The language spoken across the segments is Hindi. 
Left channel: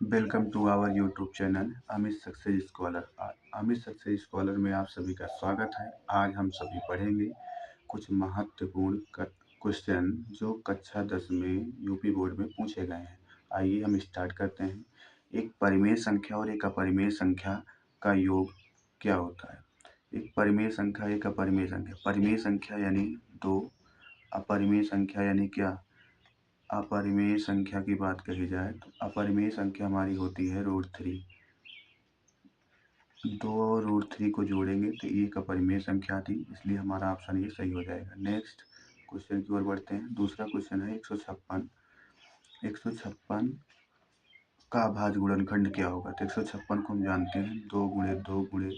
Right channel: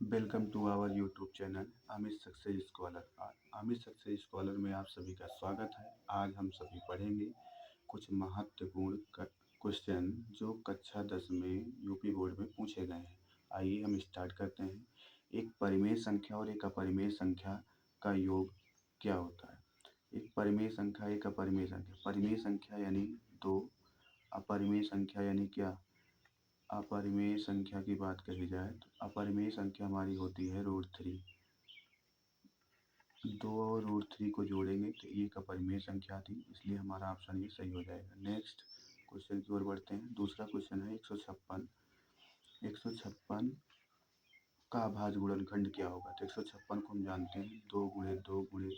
Welcome to our YouTube channel Amit Success Scholar. Amit Success Scholar में आप सभी का स्वागत है। आज हम सभी पढ़ेंगे कुछ महत्वपूर्ण क्वेश्चन जो कक्षा 10 में यूपी बोर्ड में पूछे गए हैं। आइए हम स्टार्ट करते हैं। एक परिमेय संख्या और एक अपरिमेय संख्या का योग क्या होता है? एक परिमेय संख्या, एक अपरिमेय संख्या। परिमेय संख्या यानी दो, अपरिमेय संख्या यानी क्या? अपरिमेय संख्या की बात कही जाए तो अपरिमेय संख्या हमारी होती है √3। दो और √3 को जोड़ेंगे तो एक अपरिमेय संख्या थी, इसलिए हमारा ऑप्शन ये सही हो जाएगा। नेक्स्ट क्वेश्चन की ओर बढ़ते हैं। दूसरा क्वेश्चन है 156। 156 का अभाज्य गुणनखंड क्या होगा? तो 156 को हम जानते हैं 2 गुणे 2 गुणे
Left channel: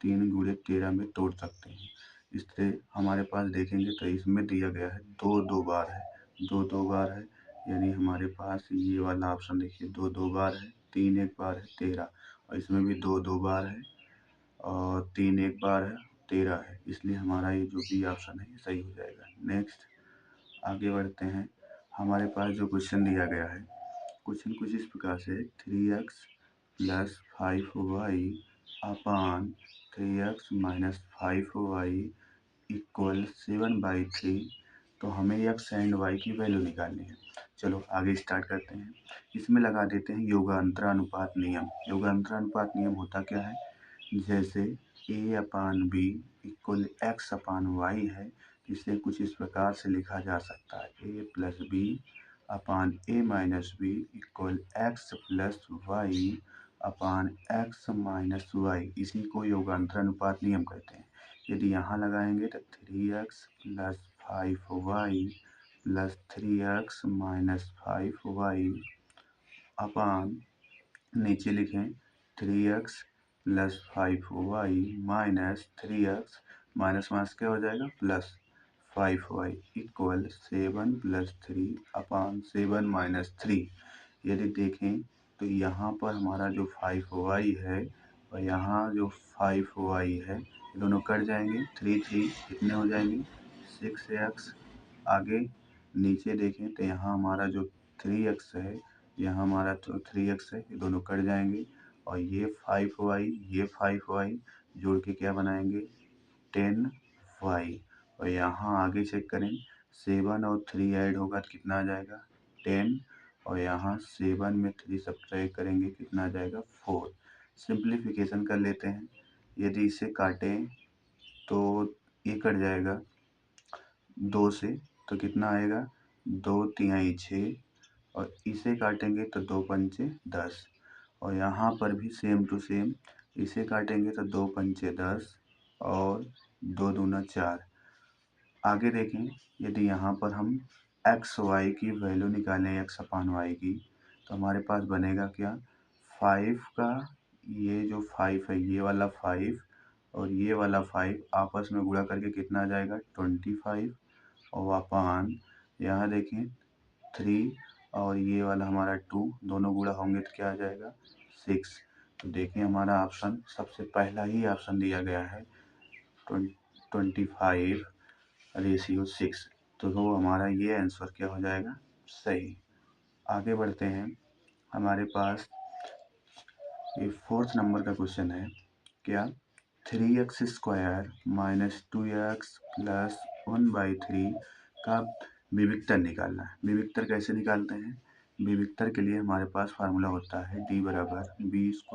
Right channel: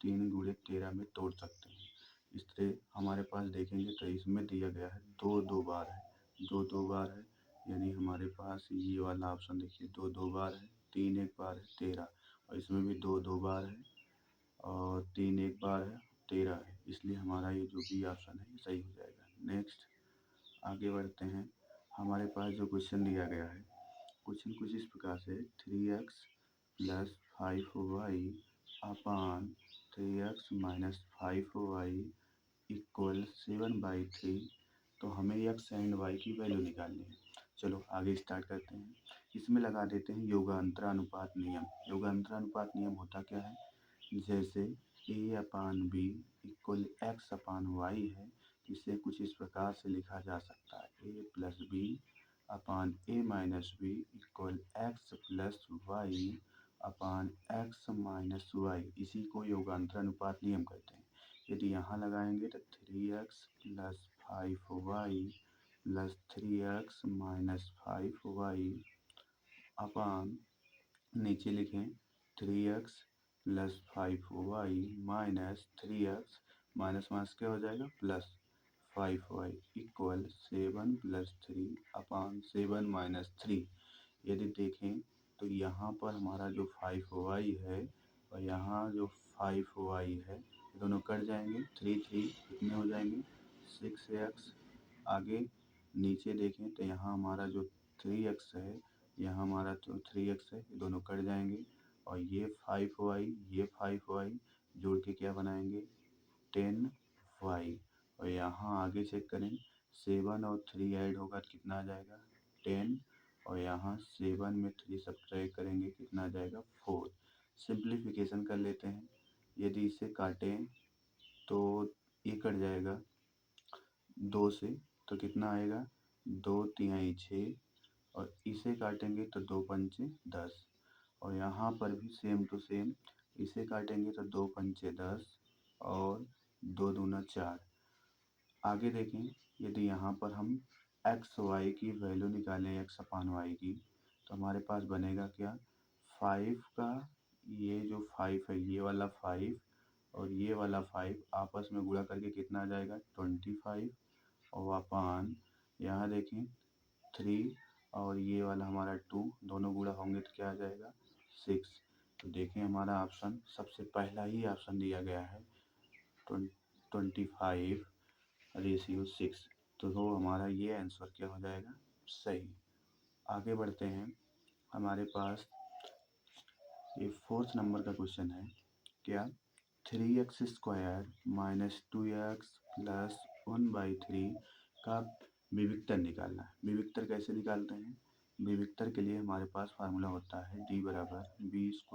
3 गुणे 13 में तोड़ सकते हैं। इससे हमारे पास देखेंगे तो इसमें दिया गया है दो दो बार है, दो दो बार है, यानी हमारे पास ये वाला ऑप्शन देखिए दो दो बार है, 3 एक बार है 13, और इसमें भी दो दो बार है और 3 एक बार है 13 है, इसलिए हमारा ये जो भी ऑप्शन है ये सही हो जाएगा। नेक्स्ट आगे बढ़ते हैं। हमारे पास जो क्वेश्चन दिया गया है, क्वेश्चन कुछ इस प्रकार से 3x + 5y अपान 3x - 5y = 7/3। तो हमें x एंड y की वैल्यू निकालनी है। चलो आगे स्टार्ट करते हैं। इसमें लगा देते हैं योगांतरानुपात नियम। योगांतरानुपात नियम होता क्या है? जैसे a/b = x/y है, इसे कुछ इस प्रकार से लिखा जा सकता है a + b upon a - b = x + y upon x - y। इसी को योगांतरानुपात नियम कहते हैं। यदि यहाँ लगाएंगे तो 3x + 5y + 3x - 5y अपान नीचे लिखें 3x + 5y - 3x minus minus क्या हो जाएगा प्लस 5y = 7 + 3 अपान 7 - 3। यदि देखें तो यहाँ पर हमारा जो 5y है और यहाँ जो 5y है, ये दोनों कट जाएंगे, 3 3 कितने हो जाएंगे 6x। आगे नीचे देखें तो यहाँ हमारा जो 3x है, यहाँ हमारा तो 3x है, ये दोनों कट जाएंगे और ये 5y जोड़ के क्या बनाएंगे 10y। और यहाँ आगे चेक करें 7 और 3 ऐड होगा तो कितना आ जाएगा 10, और यहाँ 7 में 3 सब्ट्रैक्ट करेंगे कितना आ जाएगा 4। सिंप्लीफिकेशन कर लेते हैं। यदि इसे काटें तो ये कट जाएगा 2 से, तो कितना आएगा 2 तिहाई 6, और इसे काटेंगे तो 2 पंचे 10, और यहाँ पर भी सेम टू सेम इसे काटेंगे तो 2 पंचे 10 और 2 दूना 4। आगे देखें यदि यहाँ पर हम एक्स वाई की वैल्यू निकालें x/y की, तो हमारे पास बनेगा क्या 5 का, ये जो 5 है ये वाला 5 और ये वाला 5 आपस में गुणा करके कितना आ जाएगा 25, और अपान यहाँ देखें 3 और ये वाला हमारा 2 दोनों गुणा होंगे तो क्या आ जाएगा 6। तो देखें हमारा ऑप्शन सबसे पहला ही ऑप्शन दिया गया है 25/6, तो हमारा ये आंसर क्या हो जाएगा सही। आगे बढ़ते हैं। हमारे पास ये 4th नंबर का क्वेश्चन है क्या 3x² - 2x + 1/3 का विविक्तर निकालना है। विविक्तर कैसे निकालते हैं? विविक्तर के लिए हमारे पास फार्मूला होता है d = b² -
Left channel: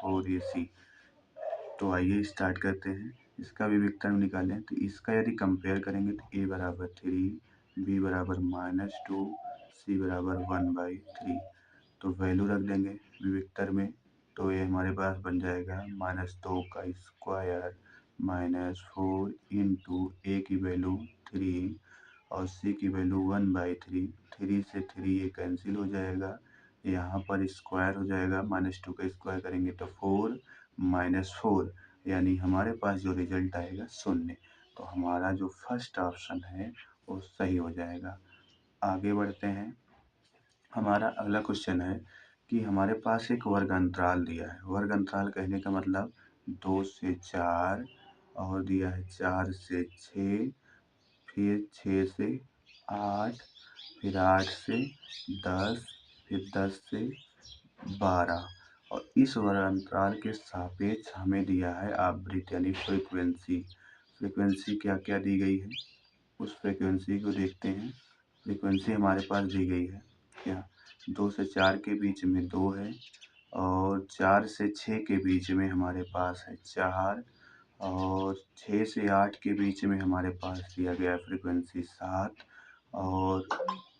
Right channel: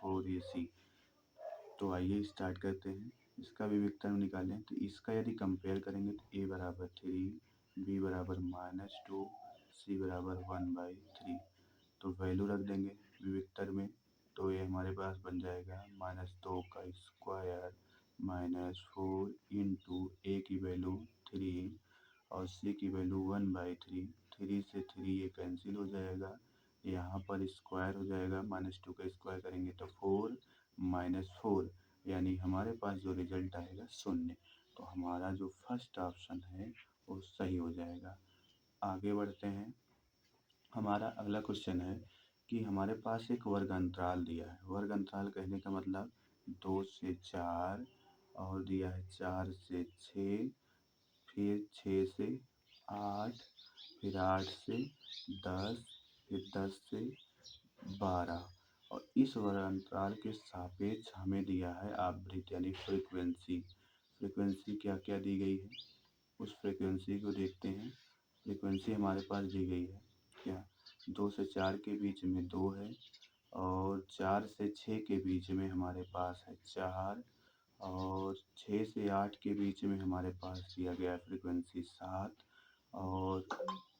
4ac। तो आइए स्टार्ट करते हैं। इसका विविक्तर निकालें तो इसका यदि कंपेयर करेंगे तो a = 3, b = -2, c = 1/3। तो वैल्यू रख देंगे विविक्तर में, तो ये हमारे पास बन जाएगा -2 का स्क्वायर -4 इंटू a की वैल्यू 3 और c की वैल्यू 1/3। 3 से 3 ये कैंसिल हो जाएगा, यहाँ पर स्क्वायर हो जाएगा, -2 का स्क्वायर करेंगे तो 4 -4, यानी हमारे पास जो रिजल्ट आएगा 0। तो हमारा जो फर्स्ट ऑप्शन है वो सही हो जाएगा। आगे बढ़ते हैं। हमारा अगला क्वेश्चन है कि हमारे पास एक वर्ग अंतराल दिया है। वर्ग अंतराल कहने का मतलब 2 से 4 और दिया है 4 से 6, फिर 6 से 8, फिर 8 से 10, फिर 10 से 12 और इस अंतराल के सापेक्ष हमें दिया है आवृत्ति यानी फ्रीक्वेंसी। फ्रीक्वेंसी क्या क्या दी गई है, उस फ्रीक्वेंसी को देखते हैं। फ्रीक्वेंसी हमारे पास दी गई है क्या, 2 से 4 के बीच में 2 है, और 4 से 6 के बीच में हमारे पास है 4, और 6 से 8 के बीच में हमारे पास दिया गया है फ्रीक्वेंसी 7, और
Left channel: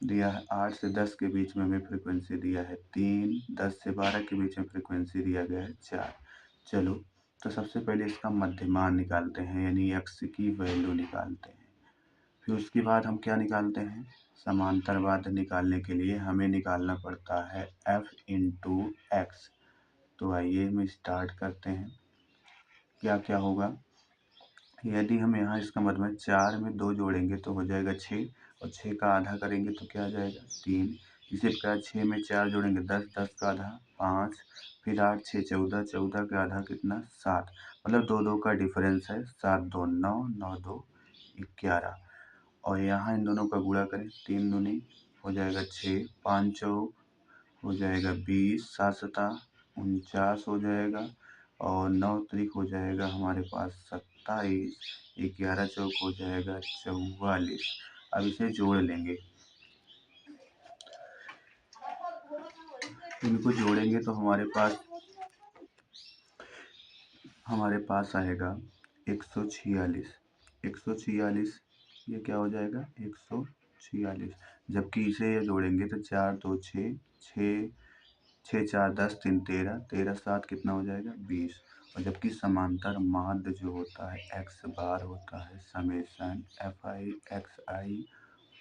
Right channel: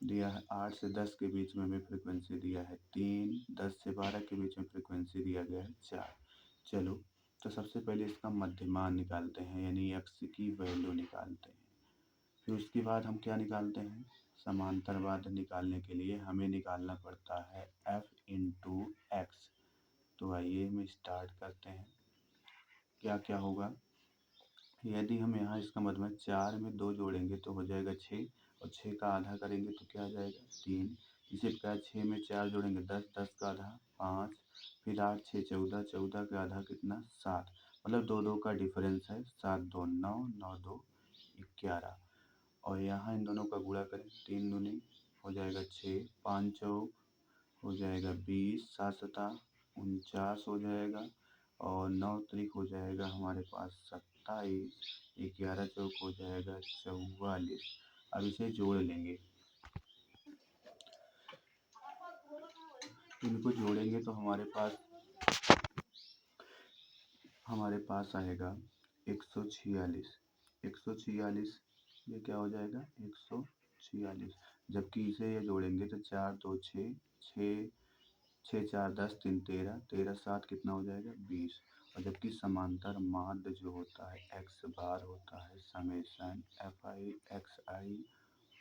दिया है 8 से 10 के बीच में हमें फ्रीक्वेंसी दिया है 3, 10 से 12 के बीच में फ्रीक्वेंसी दिया गया है 4। चलो, तो सबसे पहले इसका मध्यमान निकालते हैं यानी x की वैल्यू निकालते हैं। फिर उसके बाद हम क्या निकालते हैं, समांतर बाध्य निकालने के लिए हमें निकालना पड़ता है f इंटू एक्स। तो आइए हम स्टार्ट करते हैं। क्या क्या होगा, यदि हम यहाँ इसका मतलब 4 में 2 जोड़ेंगे तो हो जाएगा 6, और 6 का आधा करेंगे तो क्या आ जाएगा 3। इसी प्रकार 6 में 4 जोड़ेंगे 10, 10 का आधा 5, फिर 8 6 14, 14 का आधा कितना 7, मतलब 2 2 का डिफरेंस है, 7 2 9, 9 2 11। और यहाँ इन दोनों का गुणा करें, 3 दूनी हो जाएगा 6, 5 चौक हो जाएगा 20, 7 सता 49 हो जाएगा, और 9 त्रिक हो जाएगा हमारे पास 27, 11 चौक हो जाएगा 44। अब इसे जोड़ लेंगे, इनको जोड़ेंगे तो हमारे पास आएगा 146। 146 ये क्या हो जाएगा 146, जबकि इसे ये जोड़ेंगे तो 4 2 6, 6 6 4 10 3 13, 13 7 कितना हो जाएगा 20। और जबकि समांतर माध्य जो होता है x बार होता है summation F I x I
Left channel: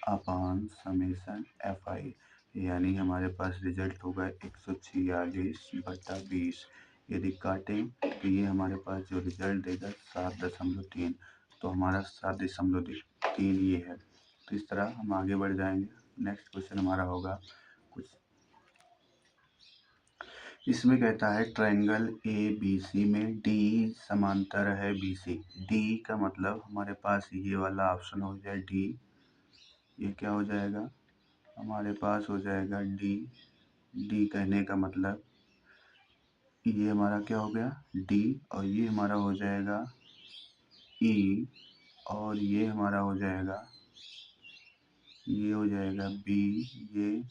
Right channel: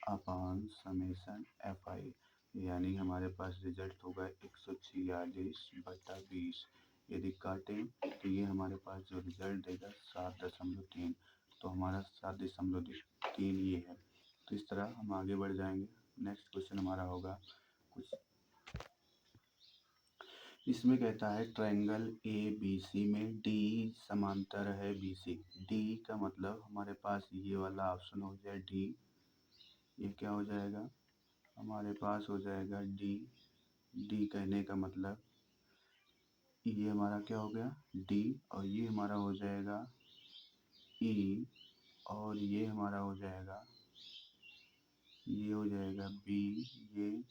upon summation F I, यानी हमारे पास रिजल्ट होगा 146/20। यदि काटें तो ये हमारे पास जो रिजल्ट देगा 7.3, तो हमारा 7.3 ये है। तो इस तरह हम आगे बढ़ जाएंगे। नेक्स्ट क्वेश्चन हमारा होगा कुछ इसमें कहता है ट्रायंगल ए बी सी में डी समांतर है बी सी। डी का मतलब हमारे पास ये वाला ऑप्शन हो जाए डी, ये क्या हो जाएगा हमारे पास हो जाएगा डी। डी कहने का मतलब ये हमारा क्या हो गया डी, और ये हमारा हो जाएगा ई, और ये हमारा हो जाएगा ये हो जाएगा बी, ये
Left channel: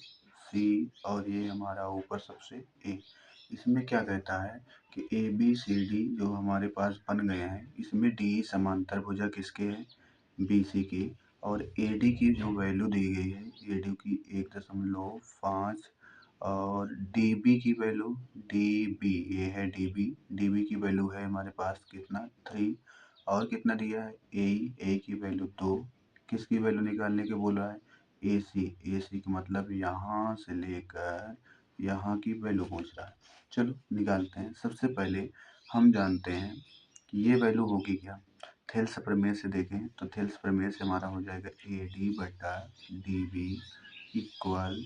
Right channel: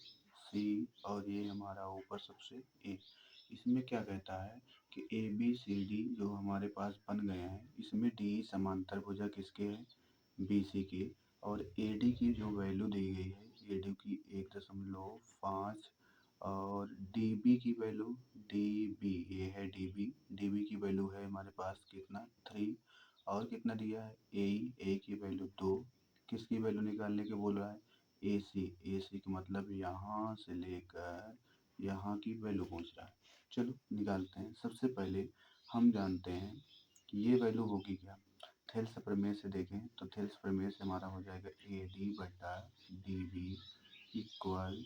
सी, और ये हमारा ऊपर सबसे ए। इसमें क्या कहता है कि ए बी सी डी जो हमारे पास बन गए हैं, इसमें डी समांतर भुजा किसके है बी सी के, और ए डी की जो वैल्यू दी गई है ए डी की 1.5, और डी बी की वैल्यू डी बी ये है डी बी की वैल्यू है हमारे पास कितना 3, और कितना दिया है ए की वैल्यू 2। किसकी वैल्यू निकालने के बोला है ए सी का मतलब यहाँ से लेकर यहाँ की वैल्यू पूछ रहा है। चलो निकालते हैं। सबसे पहले हम जानते हैं कि ये वैल्यू होगी क्या, थेल्स प्रमेय से देखें तो थेल्स प्रमेय से हमारा हो जाएगा ए डी बटा डी बी इक्वल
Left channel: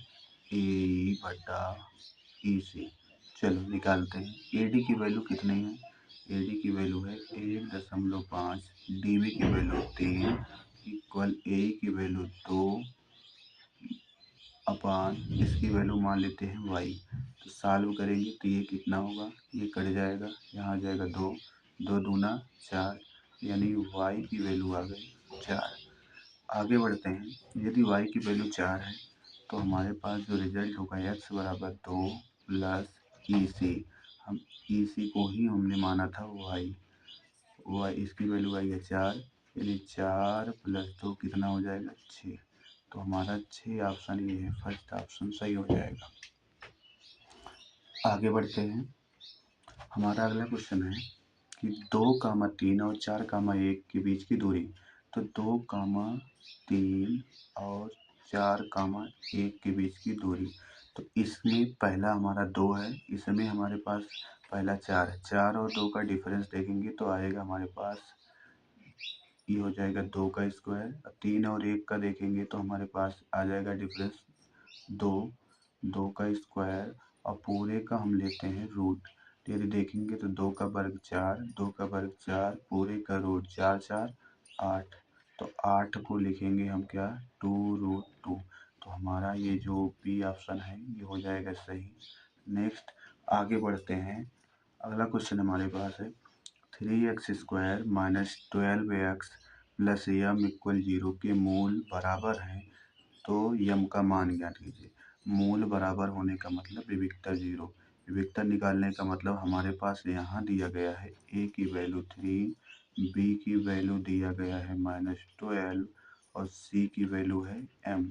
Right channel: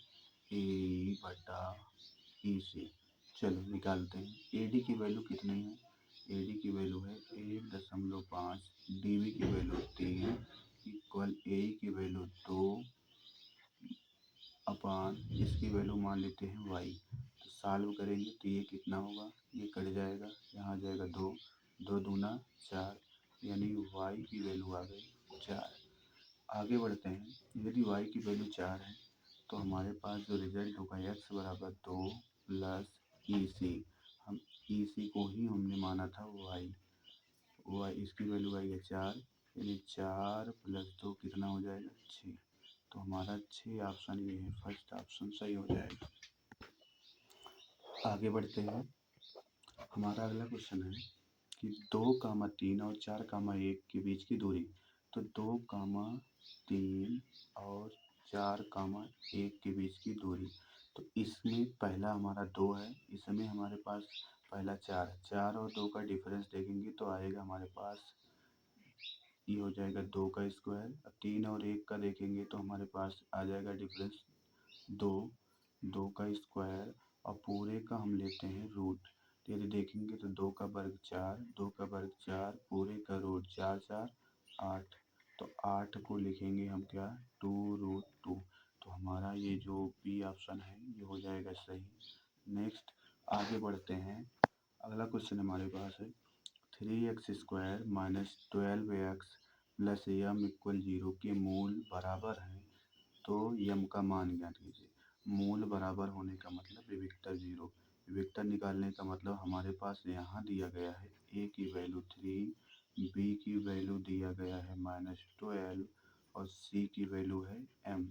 ए ई बटा ई सी। चलो निकालते हैं। ए डी की वैल्यू कितनी है, ए डी की वैल्यू है 1.5, डी बी की वैल्यू 3 इक्वल ए की वैल्यू 2 अपान इसकी वैल्यू मान लेते हैं वाई। तो सॉल्व करेंगे तो ये कितना होगा, ये कट जाएगा, यहाँ आ जाएगा 2, 2 दूना 4, यानी वाई की वैल्यू आ गई 4। आगे बढ़ते हैं। यदि वाई की वैल्यू 4 है तो हमारे पास जो रिजल्ट होगा x बराबर 2 प्लस ई सी। हम ई सी को ही हमने माना था वाई इसकी वैल्यू आई है 4, यानी 4 प्लस 2 कितना हो जाएगा 6। तो हमारा 6 ऑप्शन ये है, फर्स्ट ऑप्शन सही हो जाएगा। आगे बढ़ते हैं। हमारा अगला क्वेश्चन है कि 2, 3 और 4, 1 के बीच की दूरी। तो 2, 3 और 4, 1 के बीच की दूरी। तो इसमें पहला हमारा 2 है, इसमें हमारे पास पहला 4 है। 4 और 2 का डिफरेंस देखेंगे तो आएगा हमारे पास ये हो जाएगा 2 का स्क्वायर। 3 और 1 का देखेंगे तो हमारे पास आ जाएगा डिफरेंस 2, 2 का स्क्वायर, और पूरे का हम लेते हैं रूट। यदि देखेंगे तो 2 का वर्ग 4, 2 का वर्ग 4, पूरे का रूट 4 4 8। तो 8 को लिखेंगे हम क्या 2 रूट 2। तो हमारा ये जो बी ऑप्शन है ये हो जाएगा सही। नेक्स्ट आगे बढ़ते हैं। अगला क्वेश्चन हमारे पास है 3x² माइनस 12x प्लस यम इक्वल 0 के मूल बराबर हैं तो यम का मान ज्ञात कीजिए। मूल बराबर होने का मतलब विविक्ता 0। विविक्ता निकालने का मतलब हमारे पास यहाँ दिया गया है a की वैल्यू 3, b की वैल्यू दिया गया है -12 और c की वैल्यू है m।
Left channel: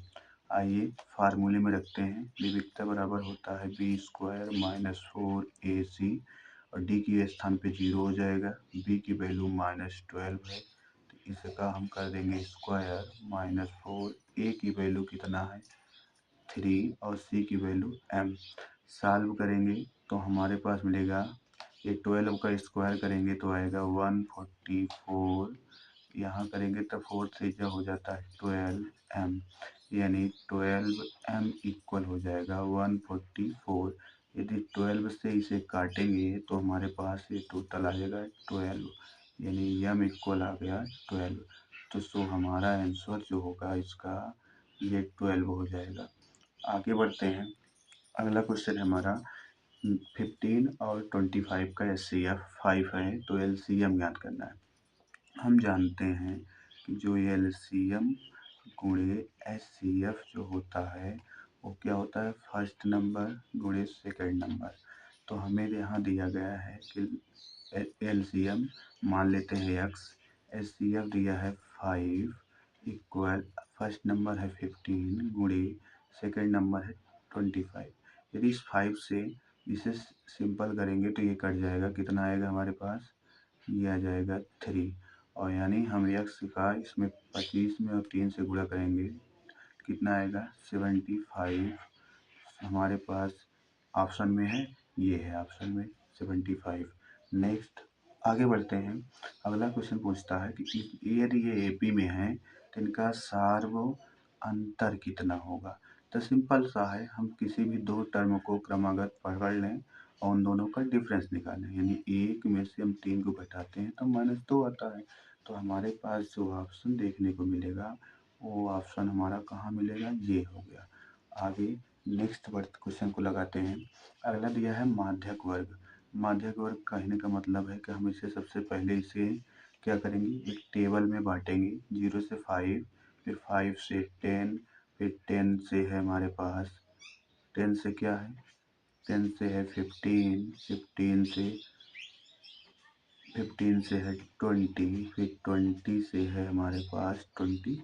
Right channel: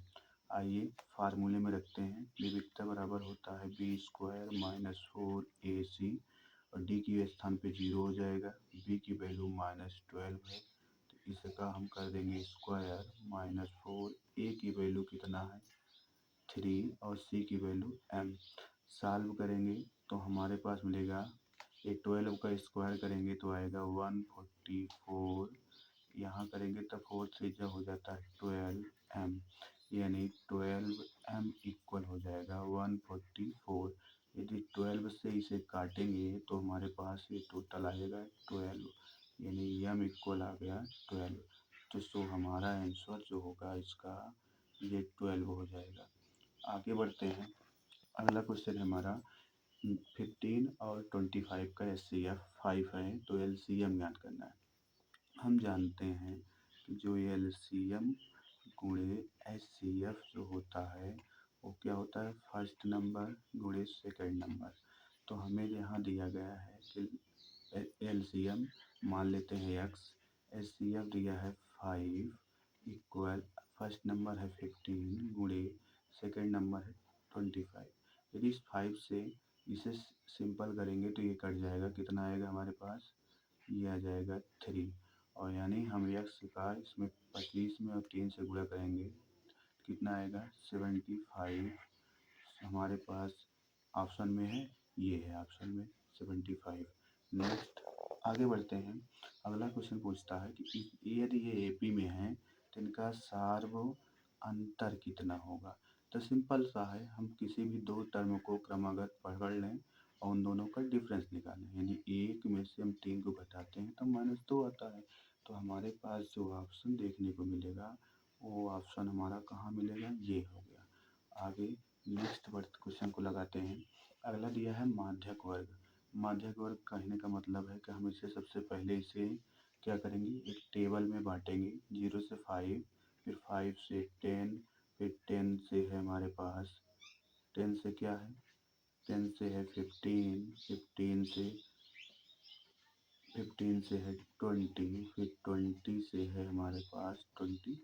आइए फार्मूले में रखते हैं। विविक्ता बराबर होता है b² माइनस 4ac और d की स्थान पे 0 हो जाएगा। b की वैल्यू -12 है तो इसका हम कर देंगे स्क्वायर -4। a की वैल्यू कितना है 3 और c की वैल्यू m। सॉल्व करेंगे तो हमारे पास मिलेगा ये 12 का स्क्वायर करेंगे तो आएगा 144। यहाँ करेंगे तो 4 से जो हो जाता है 12m यानी 12m इक्वल हो जाएगा 144। यदि 12 से इसे काटेंगे तो हमारे पास ये टोटल आ जाएगा 12 यानी m इक्वल आ गया 12। तो सो हमारा आंसर जो होगा इसका ये 12 हो जाएगा। आगे बढ़ते हैं। अगला क्वेश्चन हमारा 15 और 25 का HCF 5 है तो LCM ज्ञात करना है। हम जानते हैं कि जो LCM गुणे HCF जो होता है वो क्या होता है फर्स्ट नंबर गुणे सेकंड नंबर। तो हमें यहाँ दिया गया है कि LCM मान लेते हैं x, HCF दिया है 5 इक्वल फर्स्ट नंबर है 15 गुणे सेकंड नंबर है 25। यदि इस 5 से इसे सिंपल करेंगे तो ये कट जाएगा। कितना आएगा हमारे पास ये आ जाएगा 3 और यानी हम x का इसमें 25 में और 3 से गुणा करेंगे कितना आएगा 75। हमारे पास ऑप्शन में है ये है ऑप्शन में 75। नेक्स्ट आगे बढ़ते हैं। अगला क्वेश्चन पूछता है कि यदि ये AP में है तो इनका सार्व अंतर कितना होगा। तो सिंपल सा है, हम किसी भी दो टर्म को क्रमागत पढ़ लें और उन दोनों का डिफरेंस निकालें। यानी एक में से हम 3 को घटाते हैं तो -2 आता है। तो हमारे पास जो ऑप्शन देखने को मिलेगा वो ऑप्शन हमारा कहाँ मिलेगा ये हो गया। आगे नेक्स्ट वर्ड क्वेश्चन को लगाते हैं। अगला दिया है माध्यक वर्ग। माध्यक वर्ग कहने का मतलब है कि हम इसे सबसे पहले इसे क्या करेंगे एक टेबल में बांटेंगे 0 से 5, फिर 5 से 10, फिर 10 से है हमारे पास 10 से क्या है 10 से है 15, 15 से है 20, फिर 20 से है हमारे पास 25।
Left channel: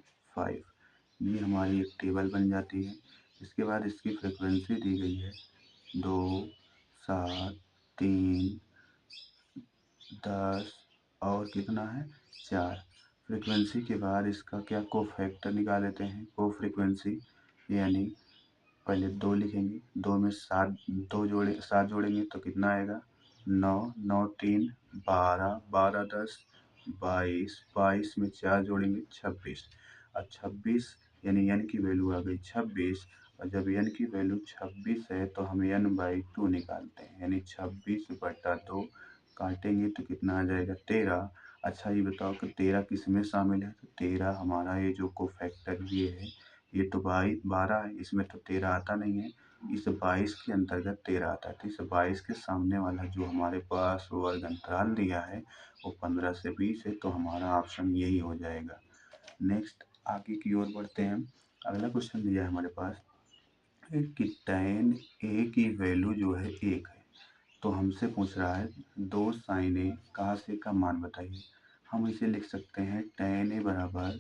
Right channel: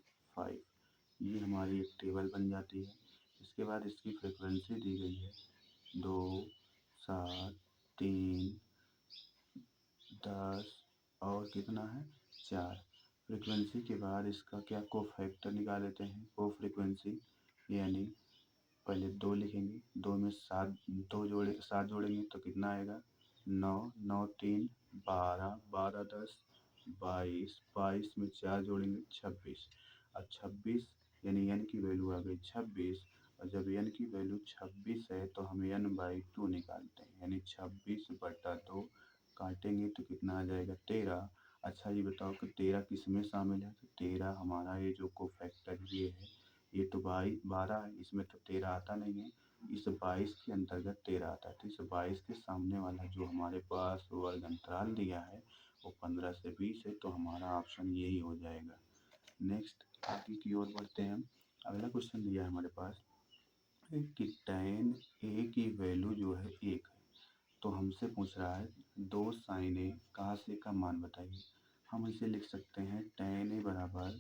ये हमारी एक टेबल बन जाती है। इसके बाद इसकी फ्रिक्वेंसी दी गई है 2, 7, 3, 10 और कितना है 4। फ्रिक्वेंसी के बाद इसका क्या को फैक्टर निकाल लेते हैं को फ्रिक्वेंसी। यानी पहले 2 लिखेंगे, 2 में 7 जोड़ेंगे तो कितना आएगा 9, 9 3 12, 12 10 22, 22 में 4 जोड़ेंगे 26 और 26 यानी n की वैल्यू आ गई 26। और जब n की वैल्यू 26 है तो हम n/2 निकालते हैं यानी 26/2 काटेंगे तो कितना आ जाएगा 13। अच्छा ये बताओ कि 13 किस में शामिल है। तो 13 हमारा ये जो को फैक्टर ये है ये तो 12 है, इसमें तो 13 आता नहीं है। इस 22 के अंतर्गत 13 आता है। तो इस 22 के सामने वाला जो हमारे पास वर्ग अंतराल दिया है वो 15 से 20 है तो हमारा ऑप्शन यही हो जाएगा। नेक्स्ट आगे की ओर बढ़ते हैं। अगला क्वेश्चन दिया है हमारे पास कि tan A की वैल्यू जो है 1 है तो हमसे पूछ रहा है 2 sin A cos A का मान बताइए। हम इसे लिख सकते हैं tan A बराबर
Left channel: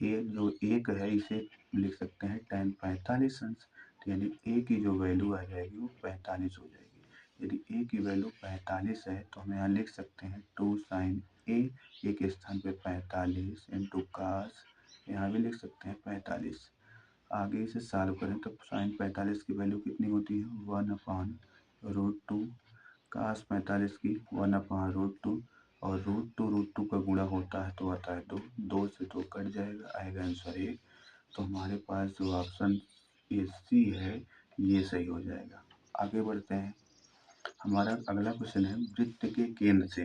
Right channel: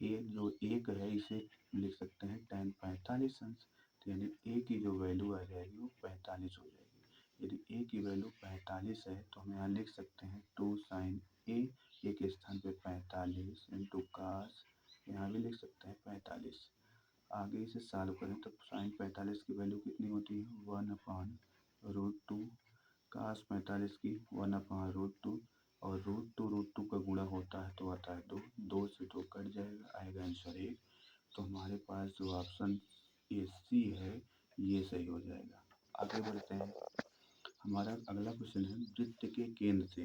ए जो 1 है इसे लिख सकते हैं tan 45 अंश। तो यानी ए की जो वैल्यू आ जाएगी वो 45 हो जाएगी। यदि ए की वैल्यू 45 है तो हम यहाँ लिख सकते हैं 2 sin A, ए के स्थान पे 45 इंटू कास यहाँ भी लिख सकते हैं 45। आगे इसे सॉल्व करें तो sin 45 की वैल्यू कितनी होती है 1/√2, कास 45 की 1/√2 और √2 का गुणा होता है तो आता है 2, 2 से 2 कट जाएगा आएगा आंसर 1। तो हमारे पास जो ऑप्शन ये सी है ये सही हो जाएगा। आगे बढ़ते हैं। हमारा अगला क्वेश्चन है वृत्त के केंद्र से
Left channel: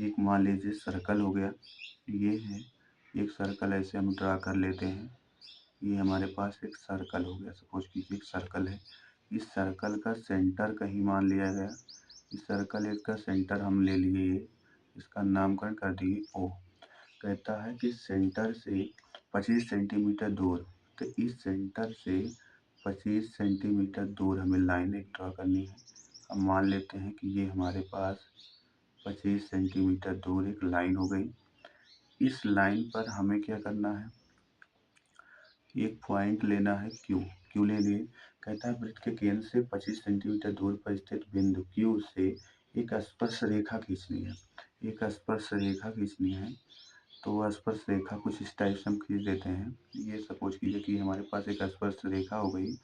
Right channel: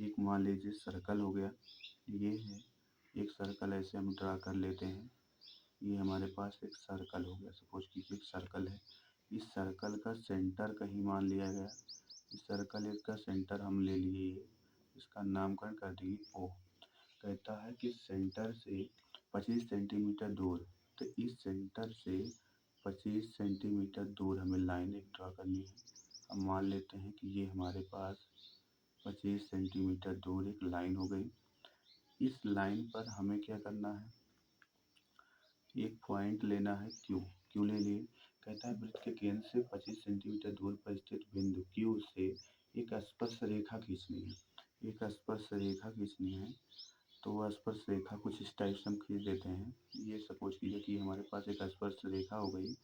एक मान लीजिए सर्कल हो गया। ये है एक सर्कल ऐसे हम ड्रा कर लेते हैं। ये हमारे पास एक सर्कल हो गया। सपोज कीजिए एक सर्कल है इस सर्कल का सेंटर कहीं मान लिया गया। इस सर्कल का सेंटर हम ले लिए, इसका नामकरण कर दिए ओ। कहता है कि सेंटर से 25 सेंटीमीटर दूर, तो इस सेंटर से 25 सेंटीमीटर दूर हमें लाइन एक ड्रॉ करनी है। हम मान लेते हैं कि ये हमारे पास 25 सेंटीमीटर दूर एक लाइन हो गई। इस लाइन पर हमें क्या करना है, एक पॉइंट लेना है क्यू ले लिए। कहता है वृत्त के केंद्र से 25 सेंटीमीटर दूर पर स्थित बिंदु क्यू से एक स्पर्श रेखा खींचनी है। एक स्पर्श रेखा खींचनी है, तो स्पर्श रेखा कुछ इस टाइप से हम खींच देते हैं। ये सपोज कीजिए कि हमारे पास एक स्पर्श रेखा हो गई।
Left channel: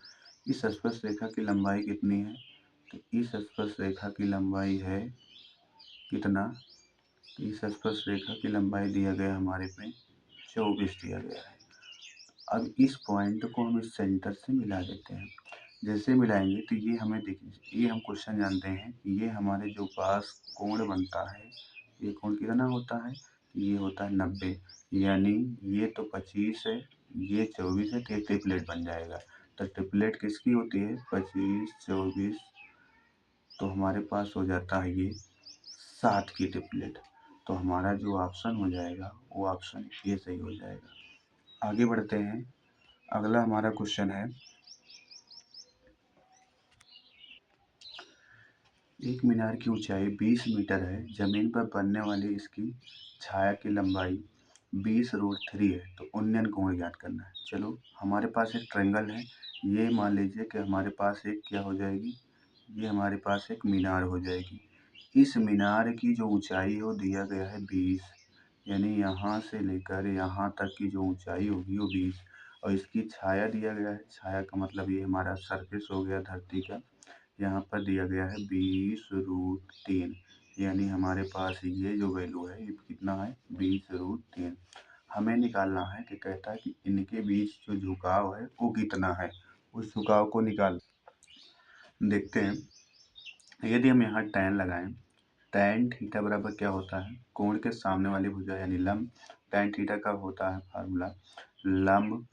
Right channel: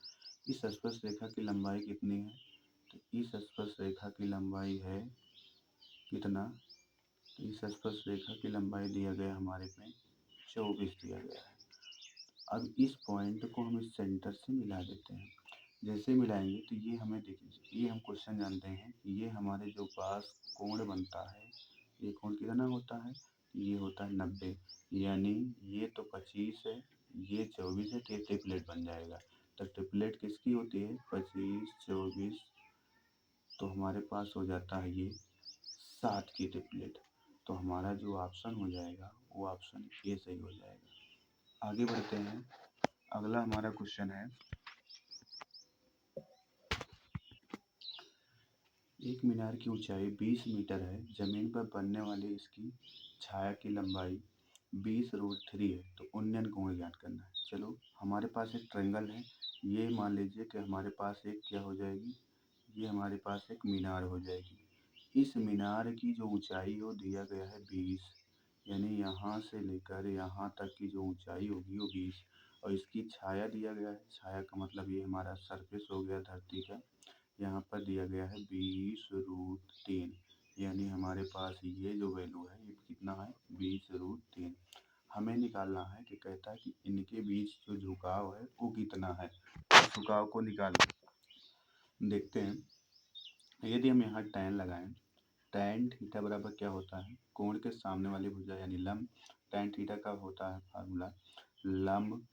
इस स्पर्श रेखा की लंबाई कितनी है, तो इस स्पर्श रेखा की लंबाई है कितना, इस स्पर्श रेखा की लंबाई दिया गया हमारे पे 24 दिया गया है। अब इस पॉइंट को हम इस सेंटर से मिला देते हैं। जैसे मिलाएंगे तो ये हमें देखिए, ये हम क्वेश्चन जानते हैं कि ये हमारे जो पास कोण बनता है, ये कोण कितना होता है, ये होता है 90। यानी ये तो 25 है, ये 24 है, तो ये ट्रिपलेट बन जाएगा। तो ट्रिपलेट किसकी होती है, 25 24, तो हमारे पास हो जाता है ये 7 की ट्रिपलेट। तो हमारा जो ऑप्शन हो जाएगा वो ऑप्शन ए सही हो जाएगा। आगे बढ़ते हैं। अगला हमारा क्वेश्चन है, एक मीनार की ऊंचाई 20 मीटर है, जमीन पर बनने वाली इसकी छाया की लंबाई 20√3 है, तो उन्नयन कोण ज्ञात करना है। चलो हमारे पास एक ट्रायंगल है, ये मान लीजिए कि हमारे पास एक क्या हो जाएगी, ये हमारे पास एक मीनार हो जाएगी। इस मीनार की जो ऊंचाई है वो दिया गया है 20, यानी यहाँ से लेकर यहाँ तक की जो ऊंचाई होगी वो 20, और इसकी छाया दिया गया है। छाया का मतलब ये हमारा सरफेस हो गया धरती का, यहाँ पर दिया गया है 20√3, यानी हमारे पास ये जो वैल्यू है ये कितना है, 20√3। हमें निकालना है कि कहता है कि इनके बीच जो झुकाव है वो कितना है। उस झुकाव को निकाल देखते हैं। यदि हम यहाँ tan लगाएं, tan थीटा बराबर क्या होता है, कोण के सामने वाली भुजा यानी लंब। tan थीटा का होता है फार्मूला, लंब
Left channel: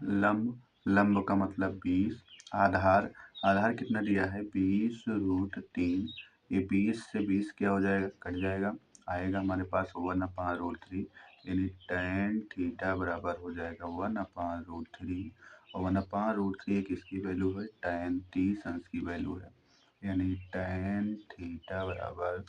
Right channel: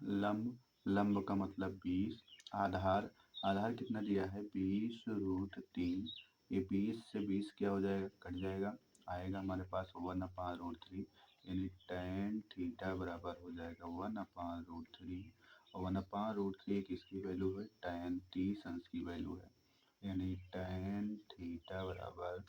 लंब लंब का मतलब 20, आधार आधार कितना दिया है 20√3। ये 20 से 20 क्या हो जाएगा, कट जाएगा, आएगा हमारे पास 1/√3, यानी tan थीटा बराबर हो जाएगा 1/√3। और 1/√3 किसकी वैल्यू है, tan 30 अंश की वैल्यू है, यानी tan थीटा बराबर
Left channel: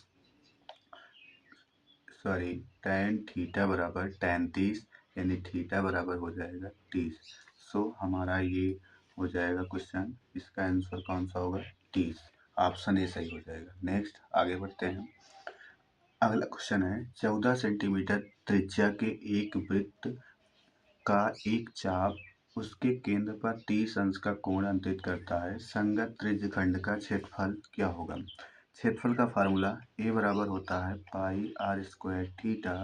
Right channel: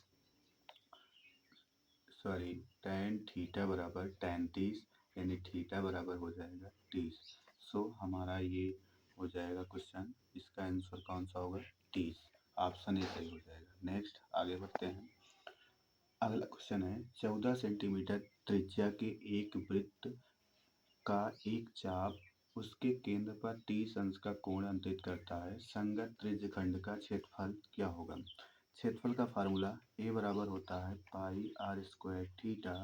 tan थीटा बराबर tan 30, यानी थीटा बराबर हो जाएगा 30। सो हमारा ये हो जाएगा क्वेश्चन, इसका आंसर कौन सा होगा, 30, ऑप्शन ए सही हो जाएगा। नेक्स्ट आगे बढ़ते हैं। अगला क्वेश्चन है, 14 सेंटीमीटर त्रिज्या के एक वृत्त का एक चाप उसके केंद्र पर 30 अंश का कोण अंकित करता है, संगत त्रिज्यखंड का क्षेत्रफल क्या होगा। क्षेत्रफल का फार्मूला ए बराबर होता है πr² थीटा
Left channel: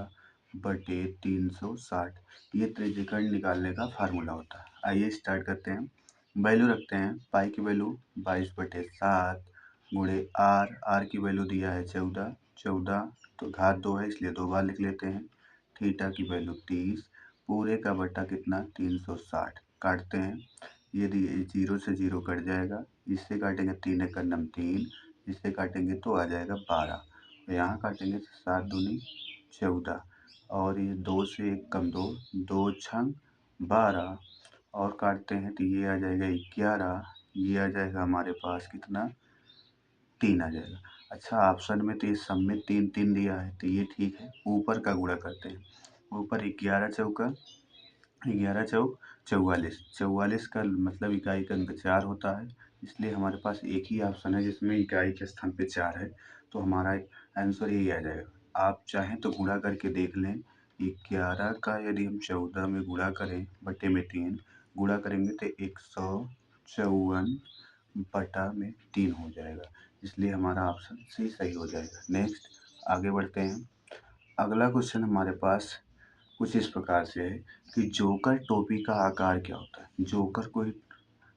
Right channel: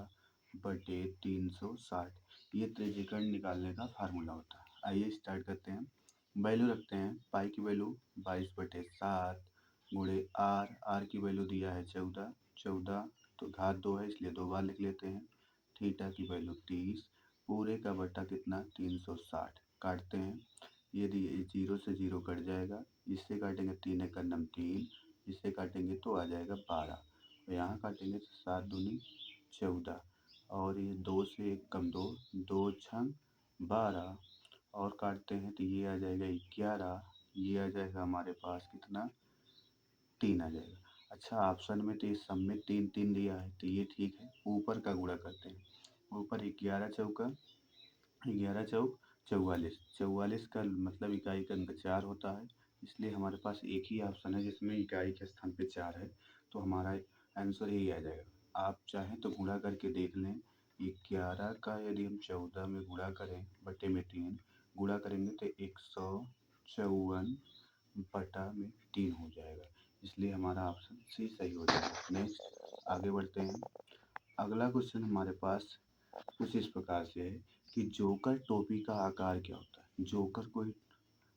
बटे 360। ये त्रिज्यखंड निकालने का फार्मूला होता है। आइए स्टार्ट करते हैं। वैल्यू रखते हैं, पाई की वैल्यू 22/7 गुणे आर की वैल्यू दिया है 14, तो घात 2 है इसलिए 2 बार लिख लेते हैं। थीटा की वैल्यू 30, पूरे का बटा कितना 360, काटते हैं। यदि 0 से 0 कट जाएगा, इससे काटेंगे 3 एकड़ नम 3, इससे काटेंगे तो आ जाएगा 12, यहाँ काटेंगे तो 7 दूनी 14, और ये 2 से 1 कम 2, 2 छंग 12, और काटते हैं तो ये आ जाएगा 11, ये आ जाएगा हमारे पास कितना 3 आ जाएगा। अच्छा ऑप्शन में तो ये सब में 3 3 दिया है, तो ये ठीक है। ऊपर का गुणा करते हैं, ऊपर 11 चौका 11 चौक 44, 44 का मतलब इकाई का अंक 4 होता है, इसलिए हमारे पास एक ही ऑप्शन है जिसमें इकाई के स्थान पे 4 है, तो हमारा आंसर यही आ जाएगा। आप चाहें तो गुणा करके देख लें, 11 का यदि हम 14 में गुणा करें बटे में 3 गुणा करेंगे तो 154 बटा में 3 हो जाएगा, इसलिए हमारा ऑप्शन सी सही हो जाएगा। नेक्स्ट आगे बढ़ते हैं। अगला क्वेश्चन हमारे पास कुछ इस प्रकार से है कि जोकर टोपी का आकार क्या होता है। जोकर कोई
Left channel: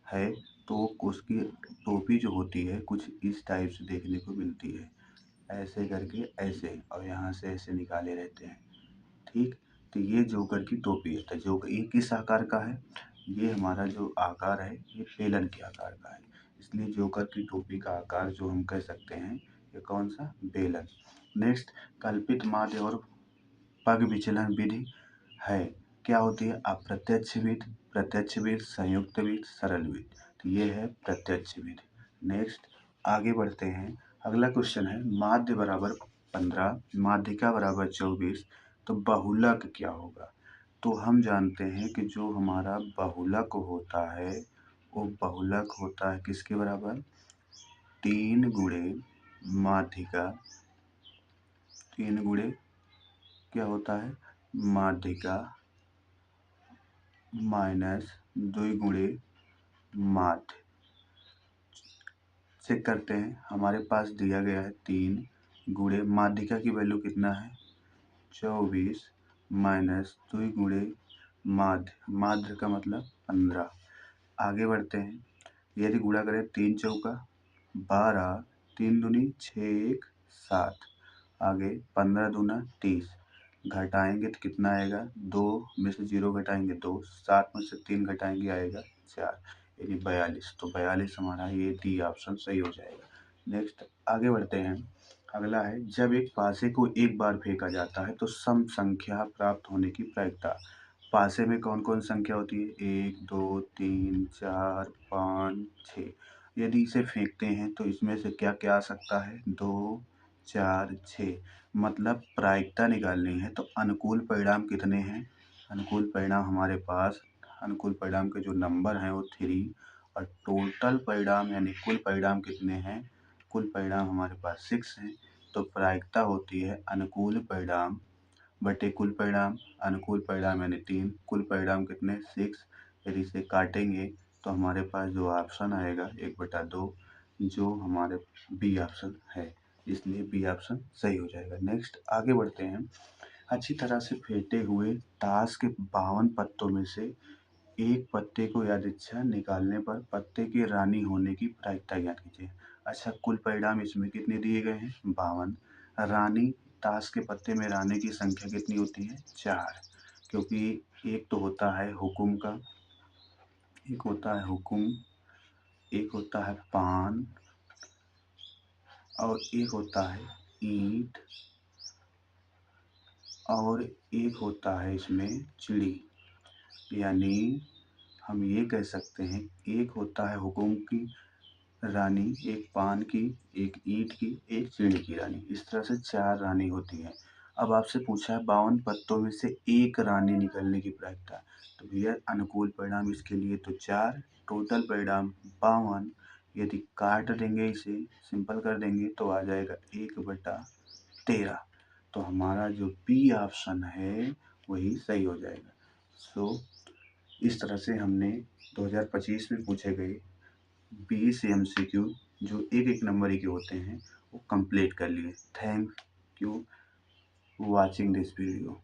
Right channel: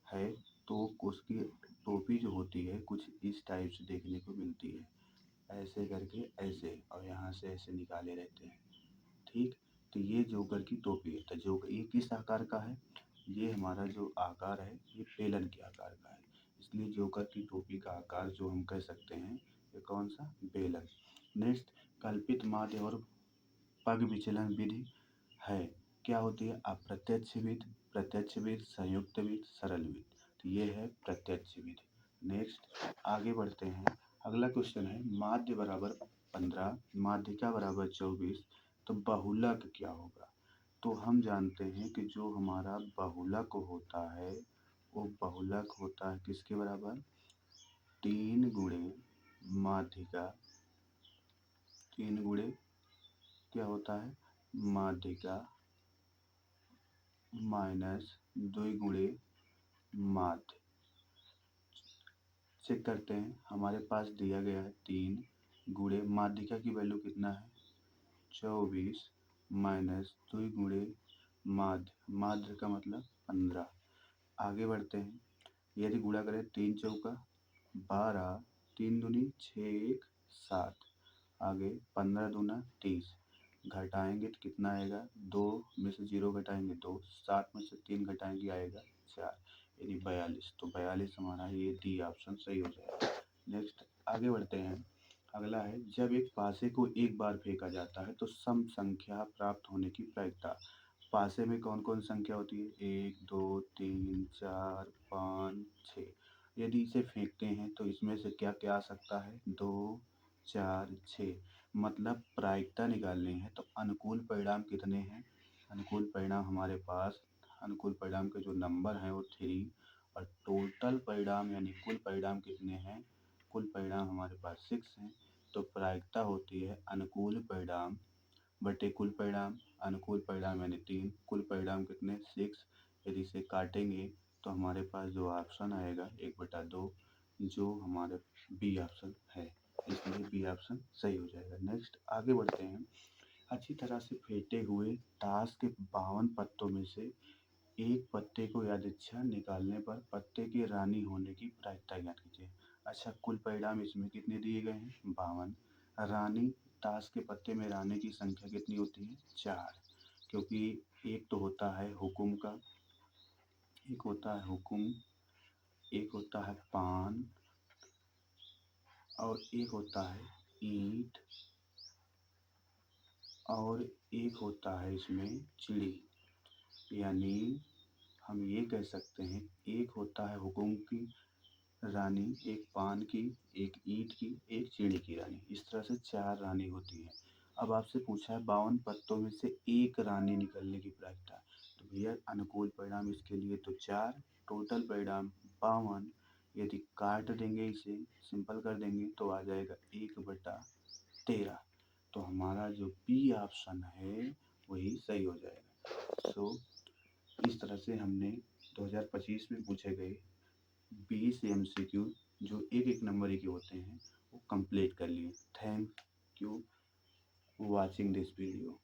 है तो उसकी टोपी जो होती है कुछ इस टाइप से देखने को मिलती है, ऐसे करके ऐसे, और यहाँ से ऐसे निकाले रहते हैं, ठीक। तो ये जोकर की टोपी है। तो जोकर ये किस आकार का है, ये हमारा जो आकार है ये बेलन के आकार का है, इसलिए जोकर की टोपी का आकार जो हम कह सकते हैं ये कौन सा, बेलन। नेक्स्ट, कल्पित माध्य और पग विचलन विधि है, क्या होती है, अप्रत्यक्ष विधि, प्रत्यक्ष विधि, संयुक्त विधि, सरल विधि। तो ये है प्रत्यक्ष विधि। नेक्स्ट आगे बढ़ते हैं। अगला क्वेश्चन है माध्य बराबर 15, माध्यिका बराबर 24, तो बहुलक क्या होगा। तो हम जानते हैं कि जो हमारा बहुलक होता है वो बहुलक होता है किसके बराबर, 3 गुणे माध्यिका, 3 गुणे क्या होता है, माध्यिका माइनस 2 गुणे माध्य। चेक करते हैं, हमारे पास दिया गया है 3 गुणे माध्यिका की वैल्यू कितना है 24 माइनस 2 गुणे माध्य, माध्य का मतलब 15। आगे बढ़ते हैं, यदि गुणा करें 3 चौका 12, 3 दूनी 6, 1 7, आगे 15 दूना 30, घटाएंगे तो कितना आएगा, 2 में से 0 घटाएंगे 2, 7 में से 3 घटाएंगे आएगा 4, यानी 42। तो 42 हमारा ये डी ऑप्शन सही हो जाएगा। नेक्स्ट आगे बढ़ते हैं। अगला है जब एक पासे को एक बार फेंका जाता है तो सम संख्या प्राप्त होने की प्रायिकता। पासे में कौन कौन संख्या होती है, 1 2 3 4 5 6। यदि इसे फेंकते हैं तो इसमें से क्या क्या आ सकता है, 2 4 6। मतलब प्रायिकता निकालनी है तो अनुकूल परिणाम कितने हैं, अनुकूल परिणाम हमारे पास, अनुकूल परिणाम के जो नंबर हैं वो 3, और टोटल परिणाम यानी कुल परिणाम कितने हैं, कुल परिणाम हमारे पास 6 हैं। तो प्रायिकता होती है अनुकूल परिणाम बटे कुल परिणाम, अनुकूल परिणाम यानी 3, कुल परिणाम कितने 6। यदि इसे काटेंगे तो हमारे पास जो ऑप्शन आएगा 1/2, जो हमारे बी ऑप्शन है, इसलिए बी ऑप्शन सही हो जाएगा। नेक्स्ट आगे बढ़ते हैं। अच्छी तरह से फेंटे हुए ताश के 52 पत्तों में से एक पत्ते को यादृच्छा निकालने पर पत्ते की रानी होने की प्रायिकता ज्ञात कीजिए। अच्छा, कुल परिणाम इसमें कितने दिए गए हैं 52, रानी, ताश के पत्ते में रानी की संख्या कितनी होती है 4, क्योंकि एक तो होता है हुकुम का, एक होता है हुकुम, एक होता है पान, और एक होता है ईंट, और एक होता है इसमें चिड़ी। यानी हम ये कह सकते हैं एक होता है हुकुम की रानी, एक पान की, एक ईंट की, एक चिड़ी की रानी, इस तरह से 4 रानी होती है। अब आपसे पूछा है 52 पत्तों में से एक रानी निकलने की प्रायिकता, तो भैया अनुकूल परिणाम इसके लिए तो 4, टोटल परिणाम 52। यदि काट देंगे इसे, सिंपल कर देंगे तो आ जाएगा 1/13। तो हमारा जो बी ऑप्शन है वही सही हो जाएगा। सो इस तरह से हमने 2025 में पूछे गए 20 MCQ जो एक एक नंबर ही के होते हैं वो कंप्लीट कर लिए। Thank you watching this video.